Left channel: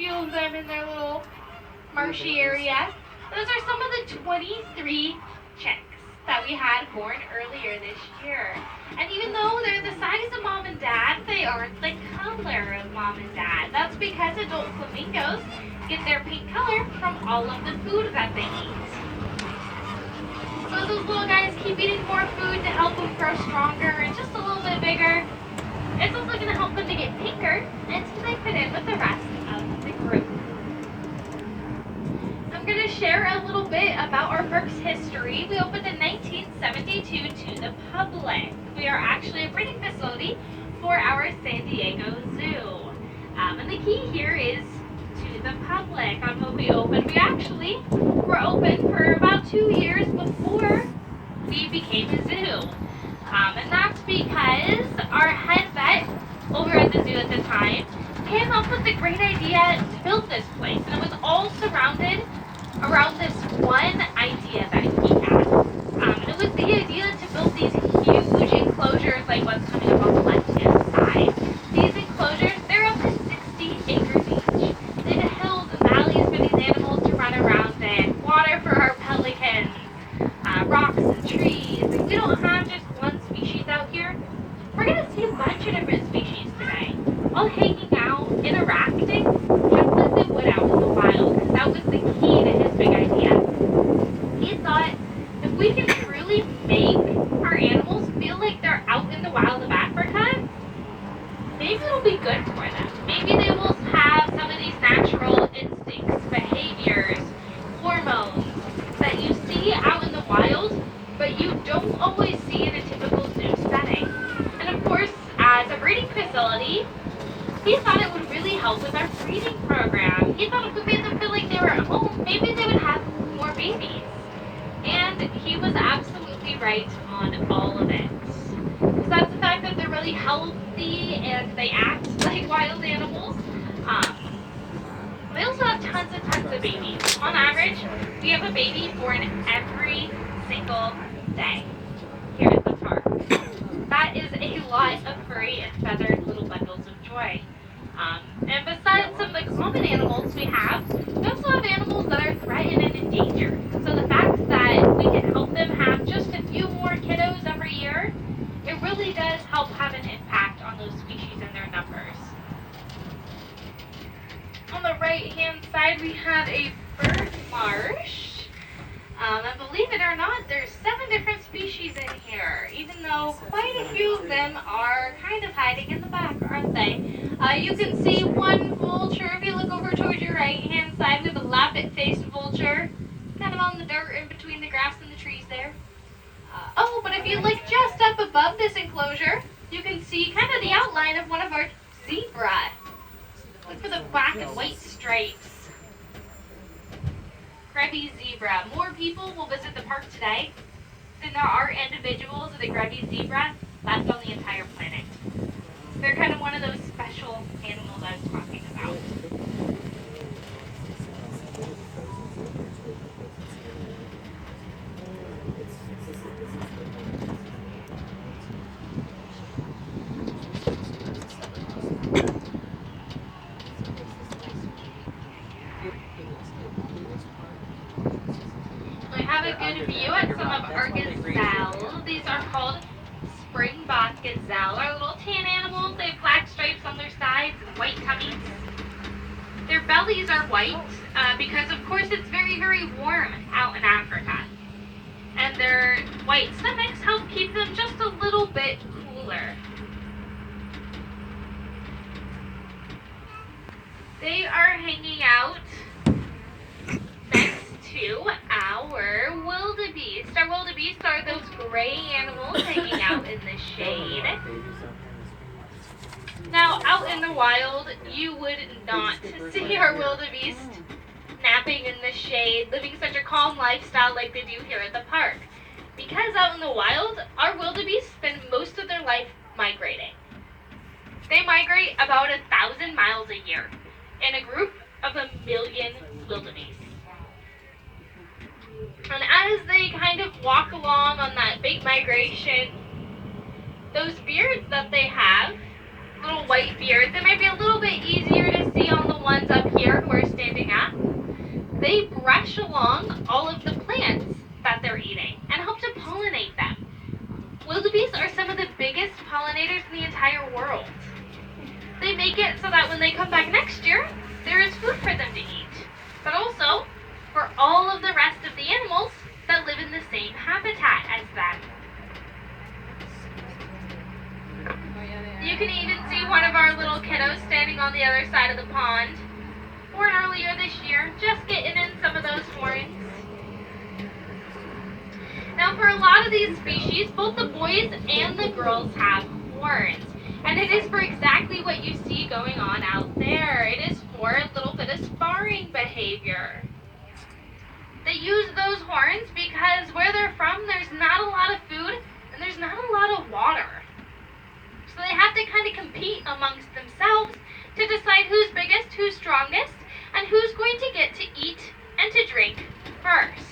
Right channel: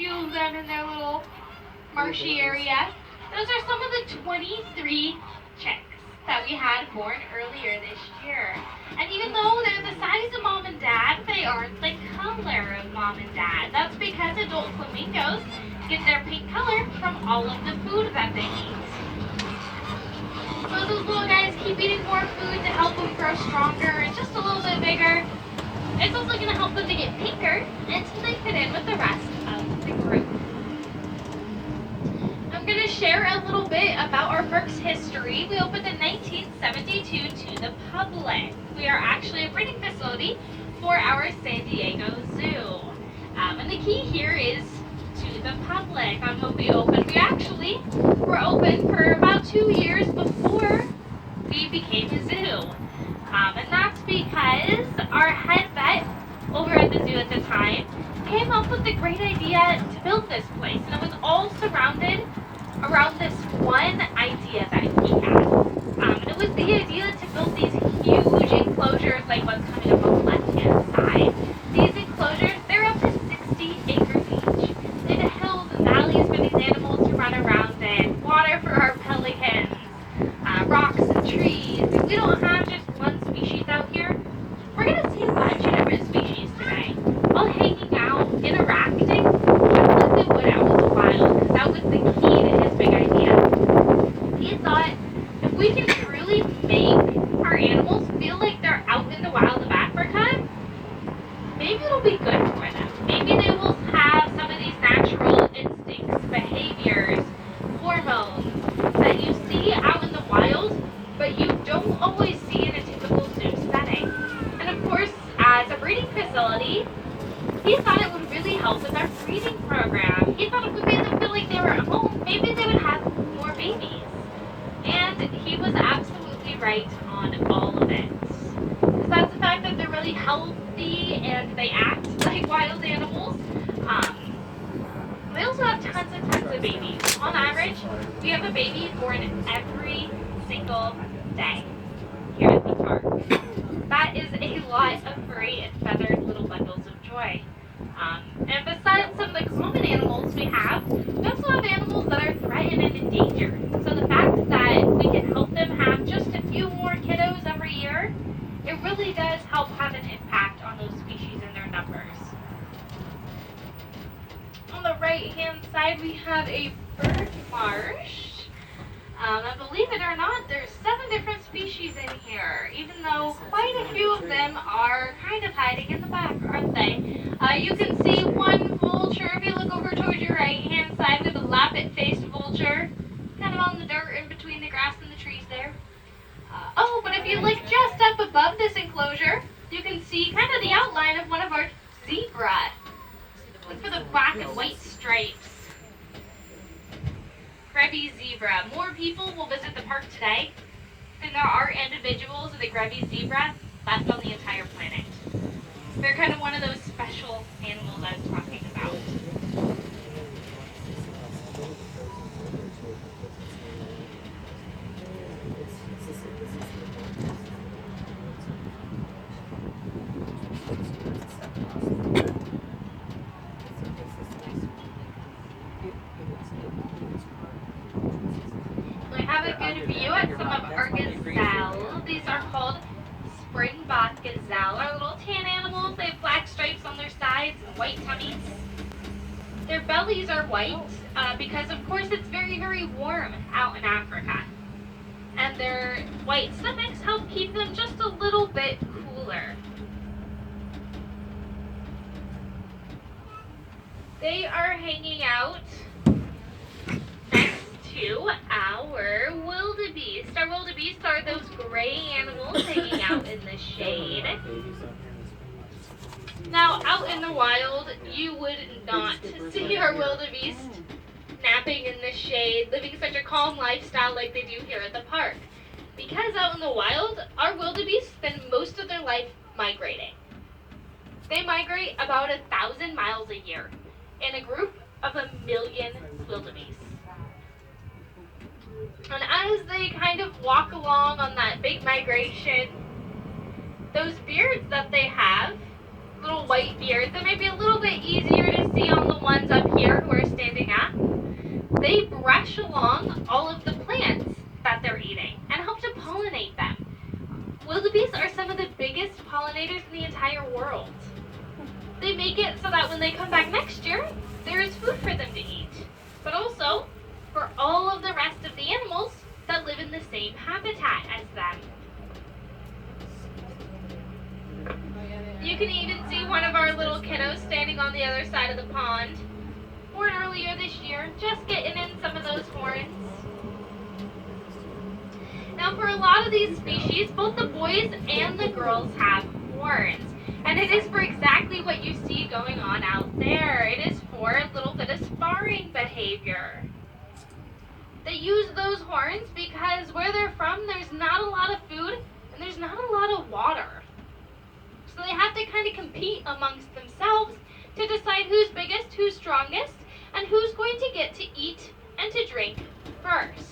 few of them in their little marshy area. Those are some of the 23 chicks that we had born earlier this year. And even though they're the size of mom and dad, they aren't the color of mom and dad. That's because adult flamingos get their pink color from all of the food that they eat. So as those little guys keep eating more food to help them grow stronger and just a little bit bigger, it's also going to help them to get pinker until they fit in with the rest of the group. I'm going to share a little bit about our park's history. We opened in 1972 to the public. We are actually a breeding facility for our San Diego Zoo. And the key here is to the public on when we opened. We actually were open for about 2 years before we became a zoo. And that's because our head vet over at the zoo at the time came up with the great idea to build this place. And it was all surrounded around this one idea that he had. And it was the idea to build these huge enclosures like what's coming up on the left-hand side. These enclosures, they're up to 60 acres each. They have hills and valleys for these animals to run around in, water for our pelicans, rocks and trees. And we don't have just one species out here. We're going to see a bunch of different species today, all hanging out, interacting, just as they would out in the wild. That was the key to his big idea. He thought if we can truly make our animals feel like they're out in the wild of Africa, maybe it'll be good for them. Maybe they will have some of these natural instincts, behaviors, hormones that you see out in the wild, but you don't always see in a typical zoo setting. And of course, as a breeding facility, he thought it would really help with our breeding program. He thought if we made them feel like they were at home, maybe they would have more babies. And he was absolutely right on all of it. Besides the fact that they're really healthy and they act like wild animals, they also have tons of babies. On average, we have a baby born every single day here at the park. That is a lot of furry and feathered little bundles of joy. And besides some of the common animals we have, we also have animals that are threatened and endangered. So the fact that we can help them have just a few more kiddos every year, it really does help have an impact on those species and their numbers. On the right-hand side, we have a bird marsh. And believe it or not, there's 7 different species in here, even though quite a few of them are kind of hiding in the back, aren't they? You can see one vulture. If you look over towards your right-hand side, there's a lappet-faced vulture, kind of on the dirt in between the grass and the trees there. But if you look just up above this enclosure, you can see kind of the outline of one of our zebra. Look for the black and white stripes. Grevy's zebra. More people will visit the park today than there are individuals of the Grevy's zebra left on the entire planet. They're kind of one of those special animals I was talking about. We have a good view at some of our gazelle. These are called springbok gazelle. Our little tan animals. They have black stripes on their sides and white tummies. Their bellies are white because, of course, it's very, very warm out in Africa. And their white stomachs help keep them just a little bit cooler. They are hanging out next to our wildebeest. Our wildebeest are those gray animals hanging out in the shade. Now, out in the wild, you would not see our wildebeest napping in the shade, living such a calm lifestyle like they do here at the park. Because out in the wild, our wildebeest spend most of their life migrating. They migrate about 1,000 miles a year in a group of 1 million wildebeest. And as they kind of walk along on that big migration, those beards that they have, little white beards, they might be a little bit easier to see on the ones up here. this year, just getting in some of those horns. Now for a lot of these species, both the boys and the girls have horns. And it is for exactly what you see going on out there. It is for a little bit of sparring behavior. They use those horns because where they're from, there's not a lot of food and there's not a lot of water. So they have to kind of compete amongst themselves to decide who's biggest, who's strongest, and who's going to get to eat and to drink first.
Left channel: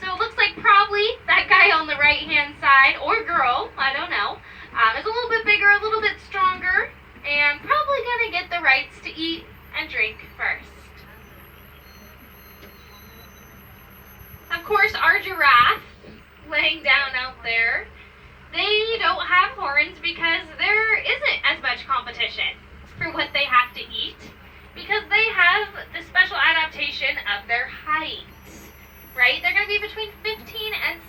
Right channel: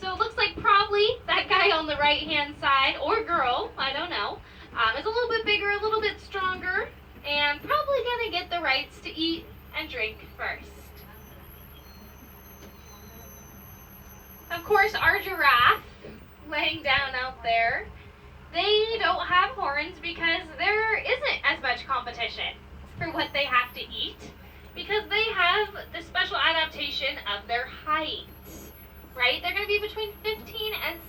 So it looks like probably that guy on the right-hand side, or girl, I don't know, is a little bit bigger, a little bit stronger, and probably going to get the rights to eat and drink first. Of course, our giraffe, laying down out there, they don't have horns because there isn't as much competition for what they have to eat, because they have the special adaptation of their height, right? They're going to be between 15 and